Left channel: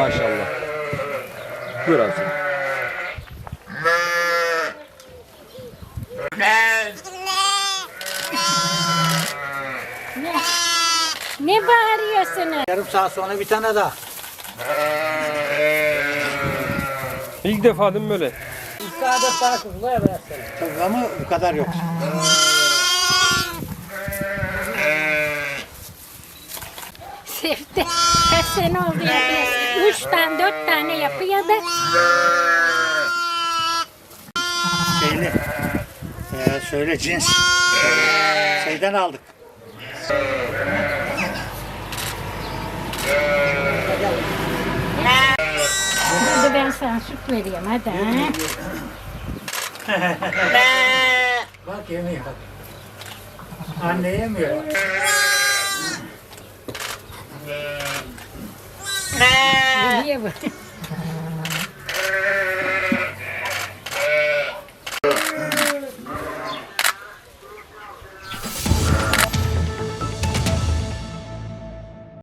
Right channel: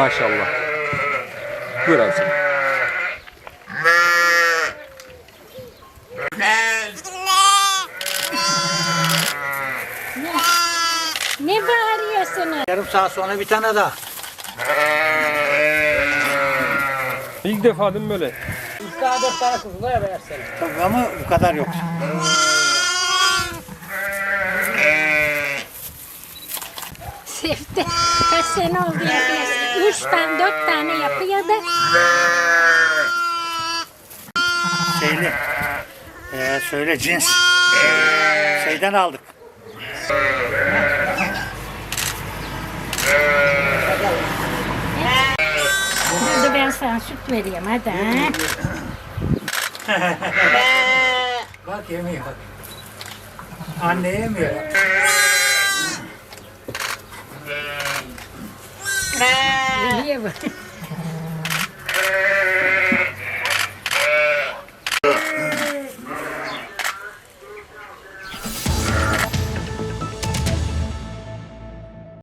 Maşallah. Buyur abi sen. Ne bağırıyorsunuz? Yarım saat sonra bir tane daha. İlk defa değil mi böyle? Daha 4 tane kuzu var ya versene. Tabii ama bu kadar yok. Sevdi. Kaç sene oldu yapıyor. 3 tane 4 tane yapıyor da. Söyle cins. Şeyden aldık. Hadi ben sana süt vereyim hadi. Ha? Bak yemiyor. Anne yemiyor. Yemiyor bu.